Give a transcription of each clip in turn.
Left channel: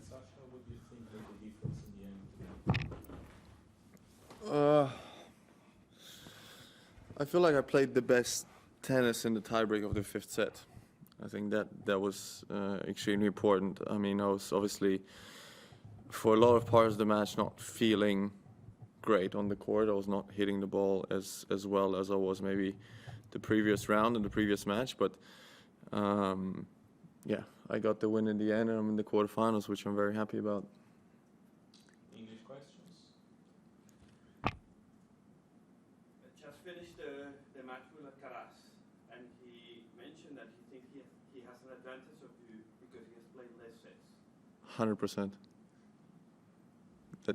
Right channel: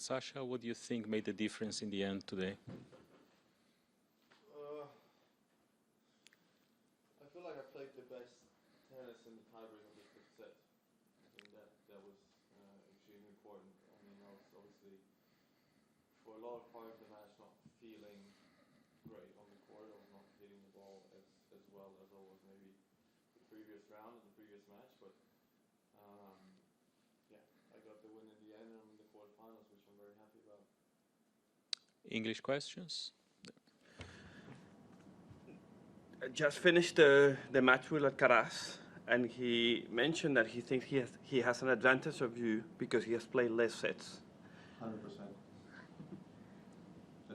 Sasha, what do you think made the difference in the end today? I feel like I played the best tennis in the tiebreak of the fifth set. I think that was extremely important. I mean, I was obviously, for a lot of parts of the match, not feeling great on the court. I was not hitting the ball as well as I was maybe the previous round and the previous match. But yeah, I got the win in the end, and I'm in the quarterfinals, which I'm very happy about. English questions? Just finished the match with Alcaraz, and he mentioned that he thinks he has an advantage of you because he has played less sets. 100%.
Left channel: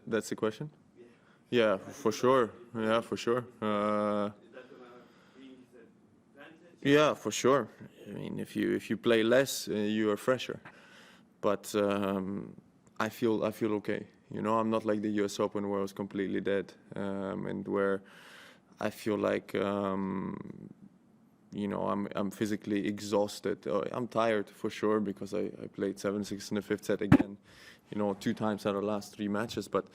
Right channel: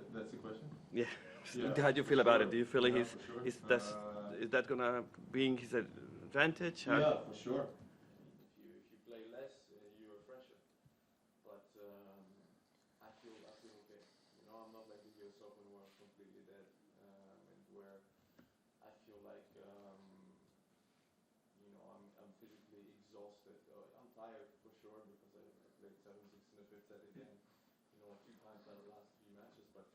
That's the question? Yeah. Yeah, How do you for feel sure. about it? Do you feel Yeah, like for sure. Is that gonna be his advantage? Yeah, for sure. I mean, if you play less, you are fresher. But I feel okay. You know, I'm not like the U.S. Open where I was completely dead, and where I feel like you know, I'm physically exhausted. I'm tired for sure because I played 7-6 in the fifth set again. You know, 2 times out of the last 3 matches, but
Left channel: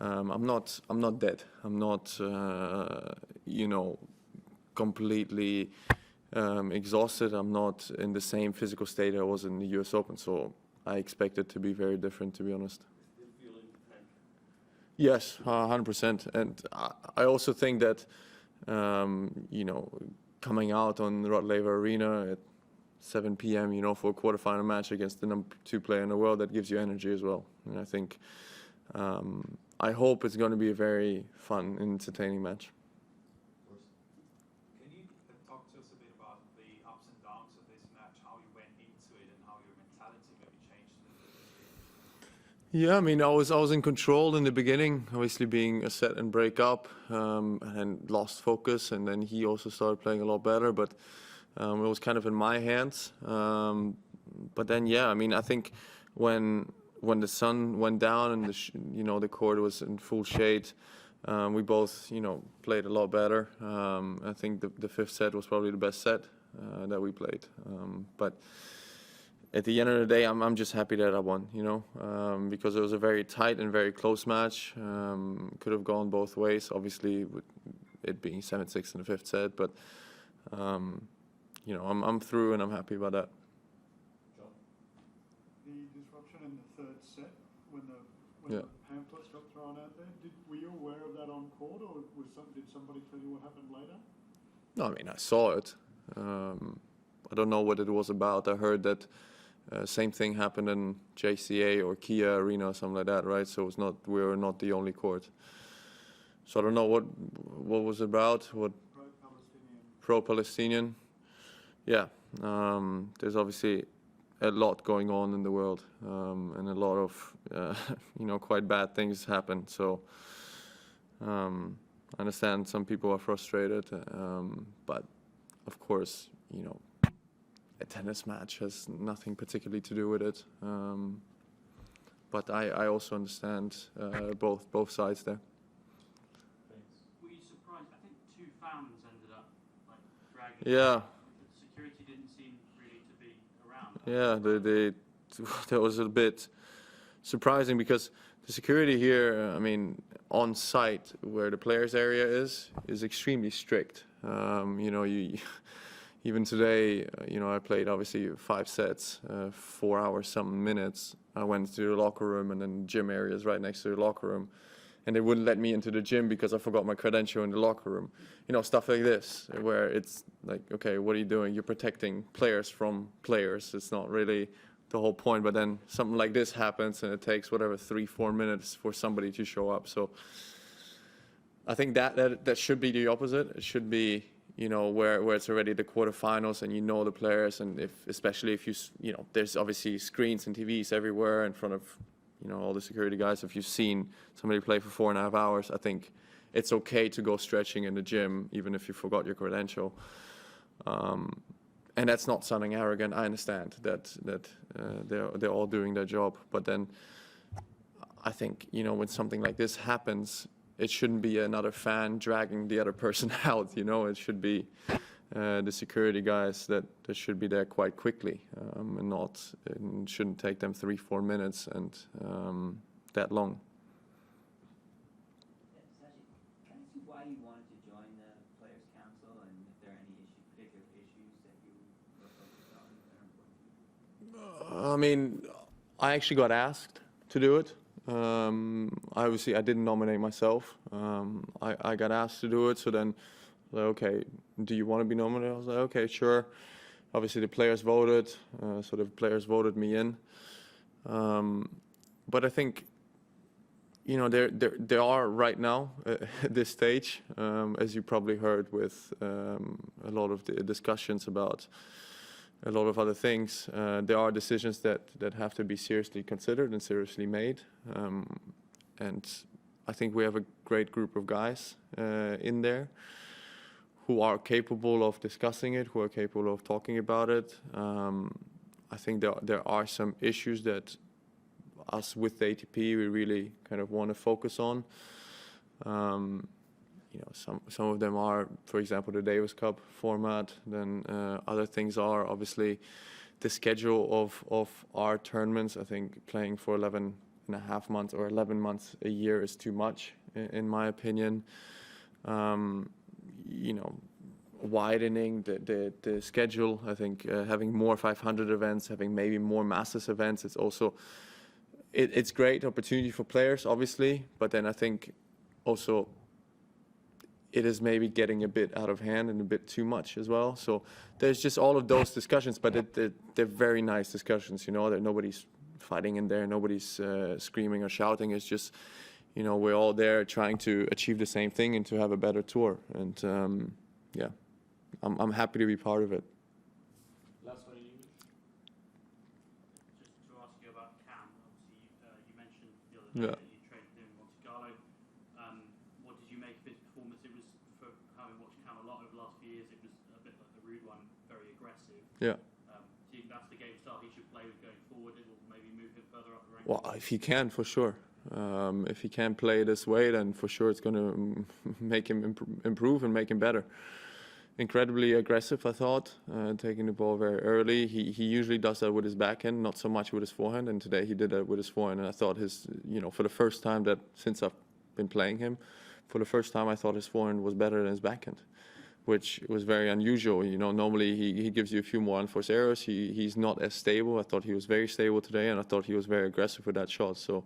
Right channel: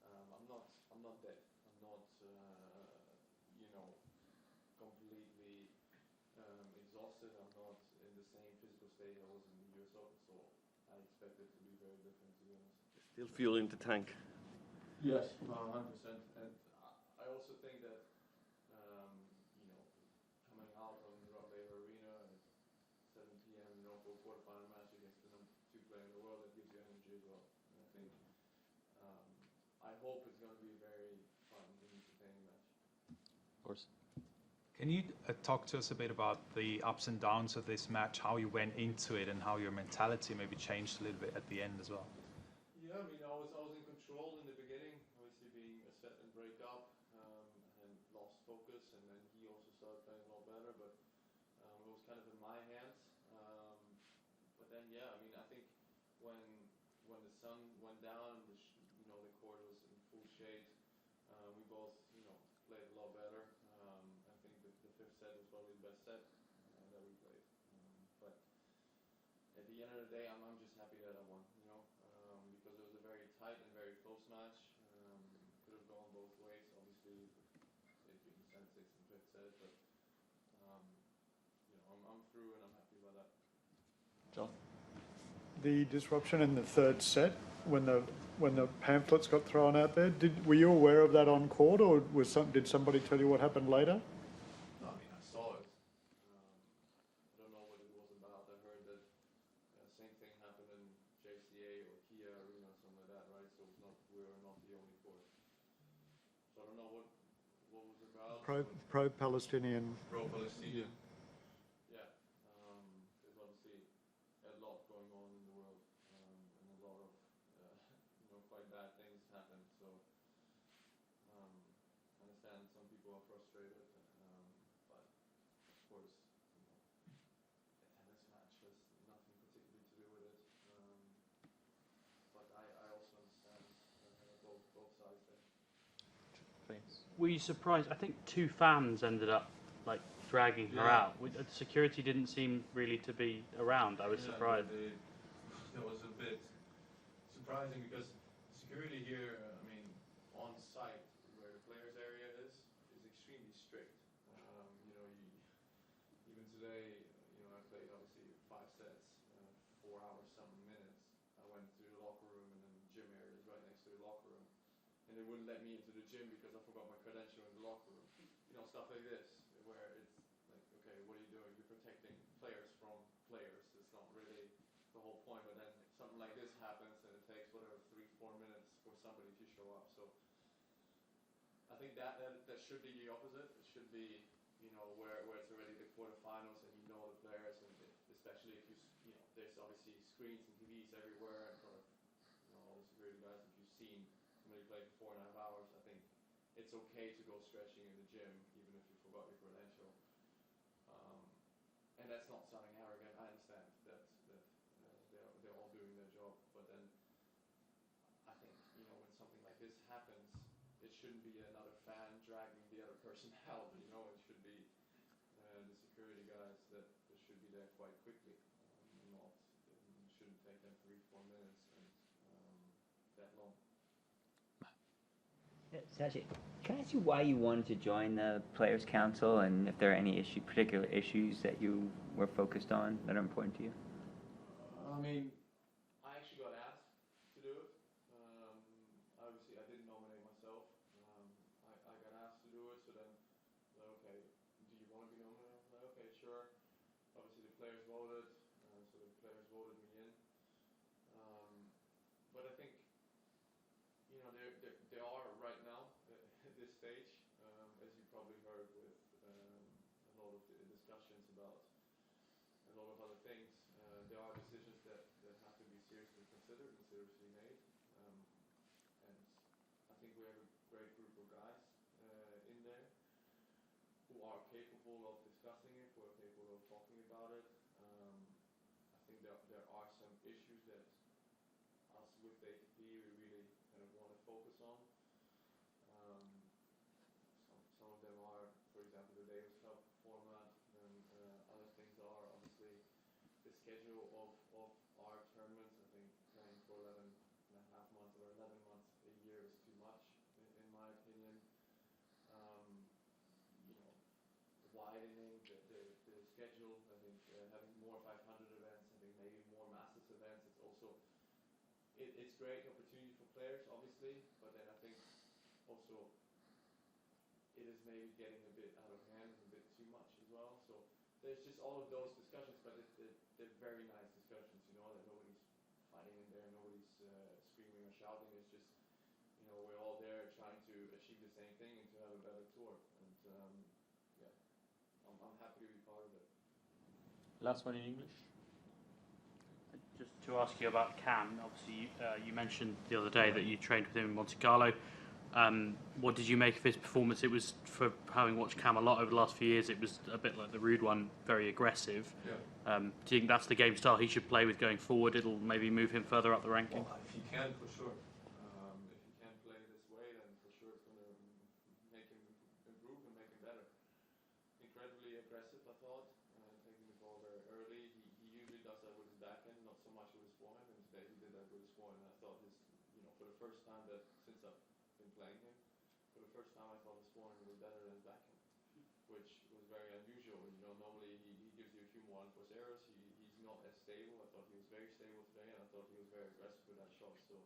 I'm not dead. I'm not you know, completely exhausted. I'm not in the same physical state I was in the U.S. Open, so I expect it to be very different, to be honest. Still fueling the tank. Yes, 100%. And I also think that you know, coming out on Rod Laver Arena at 7 p.m., you know, for a quarterfinal match against the number 2 player in the world, that gives you energy as well. And I think, I hope it's going to be a very fun and entertaining match. Of course. Can you talk to us a bit about the ups and downs of this match, how you went into it and how your mentality maybe changed a little bit at the end as well? Yeah, I mean, I was in control in the beginning, obviously being a set and break up, and lost focus, and then he also started playing a lot better, but it was kind of in my hands. But then, yeah, I mean, I think when the sun went down and you know, the court was in full shade, we both, you know, played a lot better. I think the fifth set was probably the best set that we played. But at the end of the day, I'm just happy that I won, you know, because it was a very tight and very close match. Could have gone both ways, obviously, with it being 7-6 in the fifth set. But you know, I'm through, and I'm happy about that. John? The disruption in the third set, when the pamphlets got thrown out there, were you aware of that on court, or did somebody tell you what happened later? No, I mean, I saw it. I don't know what it was about. I heard that same thing happened in JCA or Kia Arena or something like that, right? So it's not, we were not the only court. So I don't know what was about. Pro-Palestinian. Pro-Palestinian. Yeah. There's obviously a lot going on in the world, and a lot of you know, quite bad things happen. So I understand some people are frustrated, but of course, you know, a tennis match has nothing particularly to do with it. But I also understand both sides there. Thanks. Were you surprised? I think 2 fans ended up like dragging her Yeah. out. Security didn't seem really to be around. I was Yeah, surprised. that was a bit surprising because the security here, I mean, on site where the players area is extremely strict. You know, even today, you know, I played obviously 5 sets, 4 hours, some minutes. I went to the locker room, and then the gym area is right next to the locker room. And they wouldn't let me into the gym because I forgot my credential in the locker room. You know, stuff like this, where it's like, okay, what are you doing? You're protecting players from players. It's not really the whole point. But then something like this happens, and it takes whatever 3-4 minutes for somebody to show up. So I think that should be the opposite. It should be, you know, where it's already the quarterfinals and you know the players, and especially if you know, there's obviously screens and TVs everywhere in front of, you know, all the security guys. If you've seen somebody play for 4.5 hours, I think it's okay to go stretching in the gym, even if you forgot your credential. And that's not sounding arrogant. I understand that they're all doing their job, but then I think, you know, when something like this happens, it shouldn't be another fan dragging the other person out. You know, it should be the security guys that should be there quite quickly, and shouldn't take them 3-4 minutes and that long. Sashi, can I ask you why you wanted to join the Players Council, and if there are any particular issues that you were focused on that are important to you? I mean, I actually got asked to do it. Obviously, I didn't nominate myself. I got asked to do it, so then, like, okay, do you want to be nominated? I was like, okay, sure. Obviously, the players voted, so the players voted me in. But I think, you know, there are right now at this stage, as you probably heard with a lot of the discussions about a lot of other things, there are decisions that have to be seriously considered and seriously made. And I think we have a great group of guys in there who are capable of discussing it, who are capable of talking about it. I think there are some issues that us with the ATP we really kind of want to focus on. You know, some of them are, for example, the Davis Cup format. Then other things are obviously the schedule of our tournaments. I think playing for 11.5 months or 11 months a year is too much, in my opinion. You know, widening the schedule. I think having more 500 events, having maybe more Masters events. It's also it's great opportunity for players, obviously, but then I think also it is maybe getting a bit out of hand and a bit too much as well. So there's just all of those discussions, but they're very nice discussions, you know, that nobody's fighting in there, nobody's screaming or shouting. It's just, you know, we're all there trying to achieve the same thing and to have a better tour. And yeah, I'm happy to be part of it. Last one in English. Just to ask you about Cam, obviously you mentioned the other day that you trained with him in Monte Carlo. What did you make of his performance? It was, for having watched Cam a lot over the last few years, it was a bit like the Ruud one, very aggressive. Yeah. Do you think that's the game style he should play with going forward? It'll maybe move him further up the ranking? Well, if he can, for sure. If he can play this way, then for sure it's going to make him improve and make him better. Incredibly aggressive, I thought, taking the ball very early. He usually does that with his backhand, not so much with his forehand, and today he did that with his forehand. And I thought for the first time that since I've been playing him, for the first time I thought his forehand was better than his backhand, which was very unusual. You know, normally he gives you a few more unforced errors. He's not as stable. I thought he was very stable today, and I thought he was very aggressive with that shot. So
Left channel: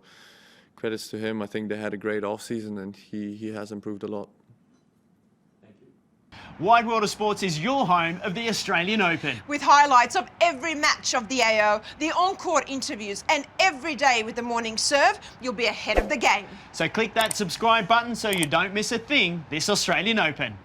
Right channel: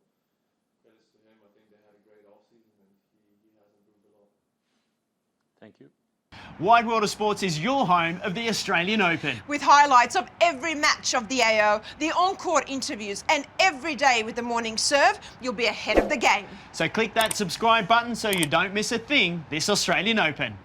credits to him. I think they had a great off-season, and he has improved a lot. Thank you. Wide World of Sports is your home of the Australian Open. With highlights of every match of the AO, the on-court interviews, and every day with the morning serve, you'll be ahead of the game. So click that subscribe button so you don't miss a thing this Australian Open.